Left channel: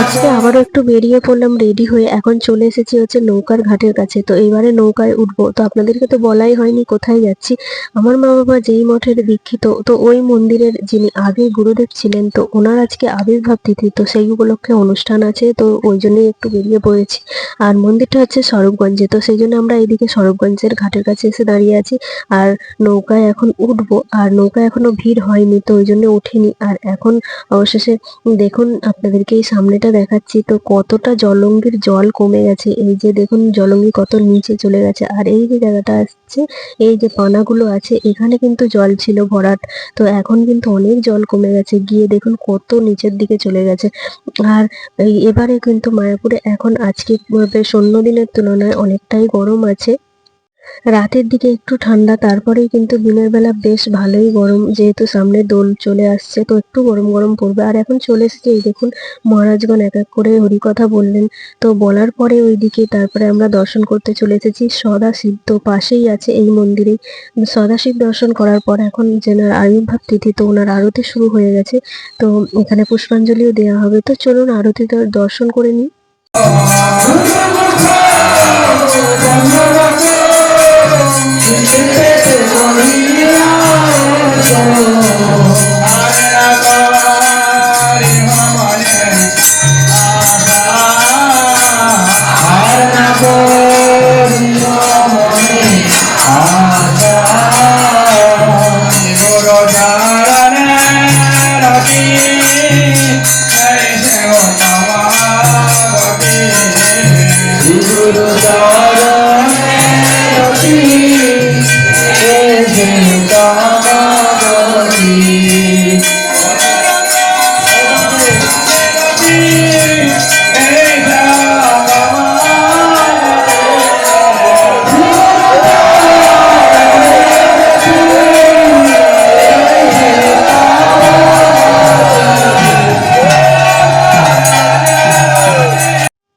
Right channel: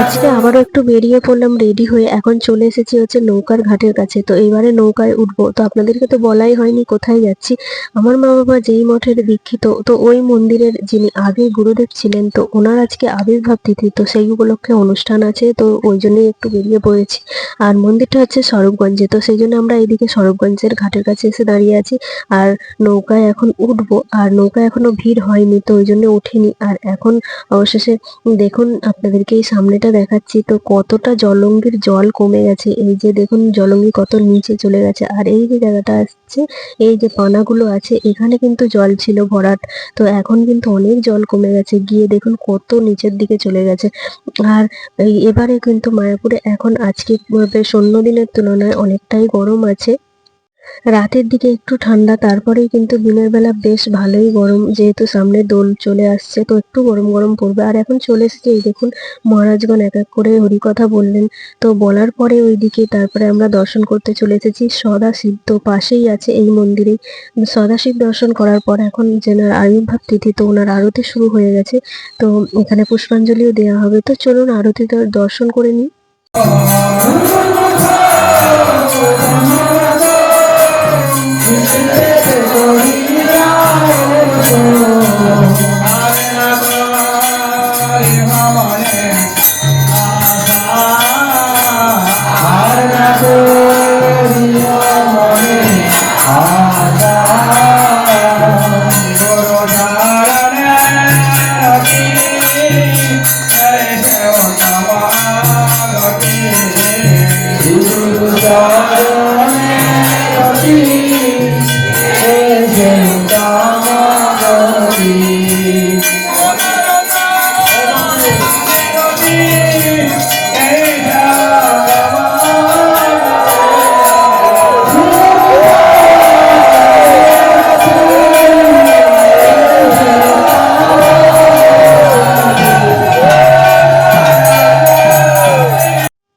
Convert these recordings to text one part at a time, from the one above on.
আজকে আবারও একটু বেরিয়ে পড়লাম রেডি হয়ে। এখন চলে এসেছি হচ্ছে নৌকার ঘাটের কাছে। তো এবারে নৌকায় উঠবো। তো আপনাদেরকে তো বলাই হয়নি কোথায় যাচ্ছি। আমার মা বাবা যেই মঠের দীক্ষিত, তো ওই মন্দিরের যিনি আগে গুরুদেব ছিলেন, তো ওনার আজকে আবির্ভাব তিথি। তো সেই উপলক্ষে অনুষ্ঠান আছে, তো ওই জন্যই একটু বেরিয়ে পড়েছি। আর মন্দিরটা হচ্ছে স্বরূপগঞ্জে, তো সেই জন্য আমরা এইদিকে স্বরূপগঞ্জের ঘাটের কাছে এসে দাঁড়িয়ে আছি। আর নৌকায় এখন উঠবো, আর নৌকায় এখনো ভিড় হয়নি, তো ওই জন্য উঠিনি। আর এখন অবশেষে দেখুন, আপনাদেরকে এই সামনেটা দেখাচ্ছি, তো কতটা জলঙ্গির জল কমে গেছে। এই যে দেখুন জলঙ্গি কত নিচে চলে গেছে। আর এই যে জায়গাটা আসছে, এই যে পানাগুলো আছে, এখানে কিন্তু জল ছিল ভরাট। তো এখন কিন্তু অনেক জল কমে গেছে, গিয়ে দেখুন কত নিচের দিকে চলে গেছে। আর এবারে কিন্তু মায়াপুরে এখন আজকে বেশ অন্য দিনের তুলনায় অনেকটাই গরম আছে। রাতের দিকে একটু ঠান্ডা, তারপরেই কিন্তু দিনের বেলা বেশ ভালোই গরম, যেহেতু সামনে দোল চলে আসছে, তো একটু গরম গরম পড়বে। আর এখন চলে এসেছে, এই দেখুন মহারাজগণ এক এক করে হরিকথা বললেন। তো বলার পরে ওইদিকে তারপরে আমরা দর্শন করতে চলে এসেছি সদাশিব। তো পাশেই আছে এই মন্দিরেই সদাশিব। দর্শন করার পর এখন যেনার আবির্ভাব তিথি, তো ওনার আরতি শুরু হয়ে গেছে। তো এখানে পুষ্পাঞ্জলিও দেওয়া হবে। তো চলুন আরতি দর্শন করে নিই।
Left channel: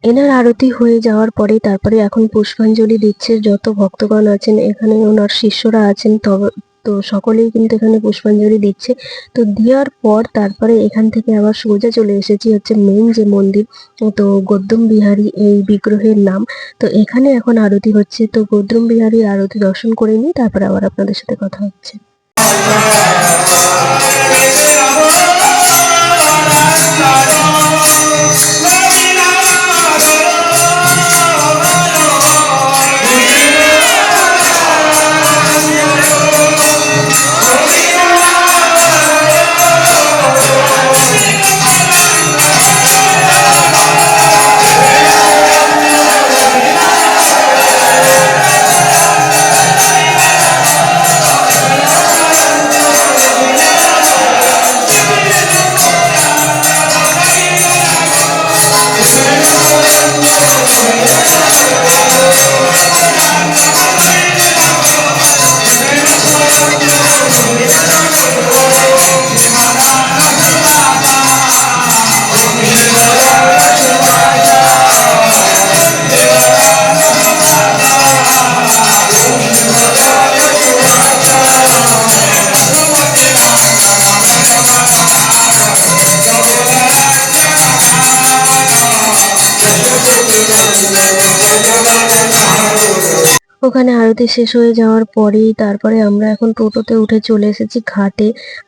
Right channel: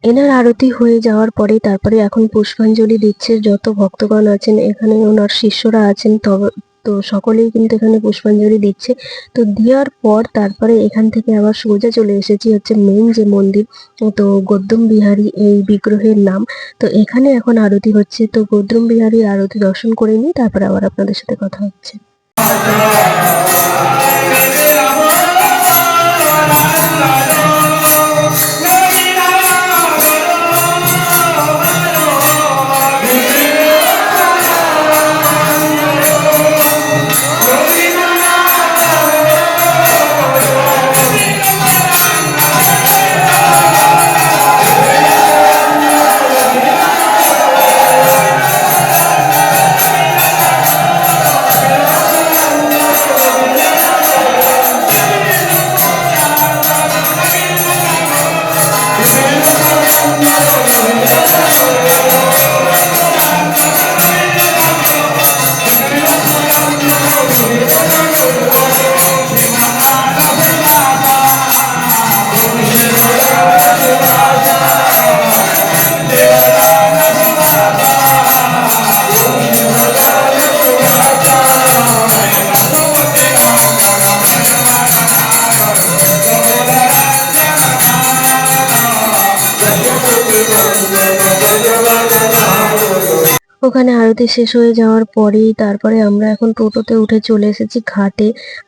এনার আরতি হয়ে যাওয়ার পরে তারপরে এখন পুষ্পাঞ্জলি দিচ্ছে যত ভক্তগণ আছেন এখানে, ওনার শিষ্যরা আছেন, তবে তো সকলেই কিন্তু এখানে পুষ্পাঞ্জলি দিচ্ছে। তো দেওয়ার পর তারপরে এখান থেকে আবার সোজা চলে এসেছি হচ্ছে মেন যে মন্দির, তো গৌতম বিহারী এই বিগ্রহের নাম। তো এখানে এখন আরতি হচ্ছে, তো গৌতম বিহারীর আরতি দর্শন করে নিই, তারপরে আবার আপনাদের সাথে কথা হচ্ছে। ওখানে আরতি শেষ হয়ে যাওয়ার পরেই তারপরে আমরা এখন টোটোতে উঠে চলে এসেছি ঘাটে।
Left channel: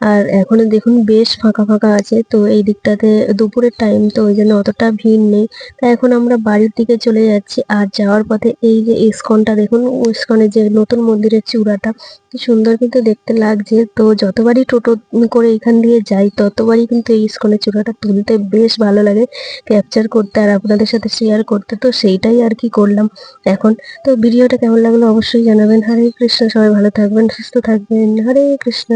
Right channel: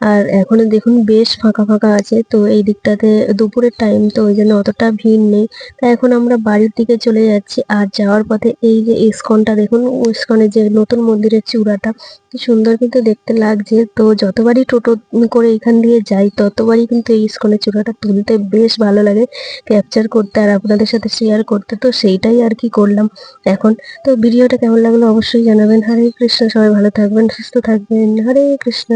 আর এখন দেখুন বেশ ফাঁকা ফাঁকা আছে, তো এই দিকটাতে দুপুরের টাইম, তো ওই জন্য অতটা ভিড় নেই। তাই এখন আমরা বাড়ির দিকে চলে যাচ্ছি। আর যাওয়ার পথে এই যে ইস্কনটা দেখুন, ইস্কনের যে নতুন মন্দিরের চূড়াটা, কি সুন্দর কিন্তু দেখতে লাগছে। তো যতবারই টোটো করে এখান দিয়ে যাই, ততবারই কিন্তু এই ইস্কনের চূড়াটা তুলতে বেশ ভালো লাগে, ক্যাপচার করতে আর আপনাদের সাথে শেয়ার করতে। তো সেইটাই আর কি করলাম এখন। তো ভিডিওটা কেমন লাগলো অবশ্যই জানাবেন। হরে কৃষ্ণ, সবাই ভালো থাকবেন, সুস্থ থাকবেন। হরে কৃষ্ণ।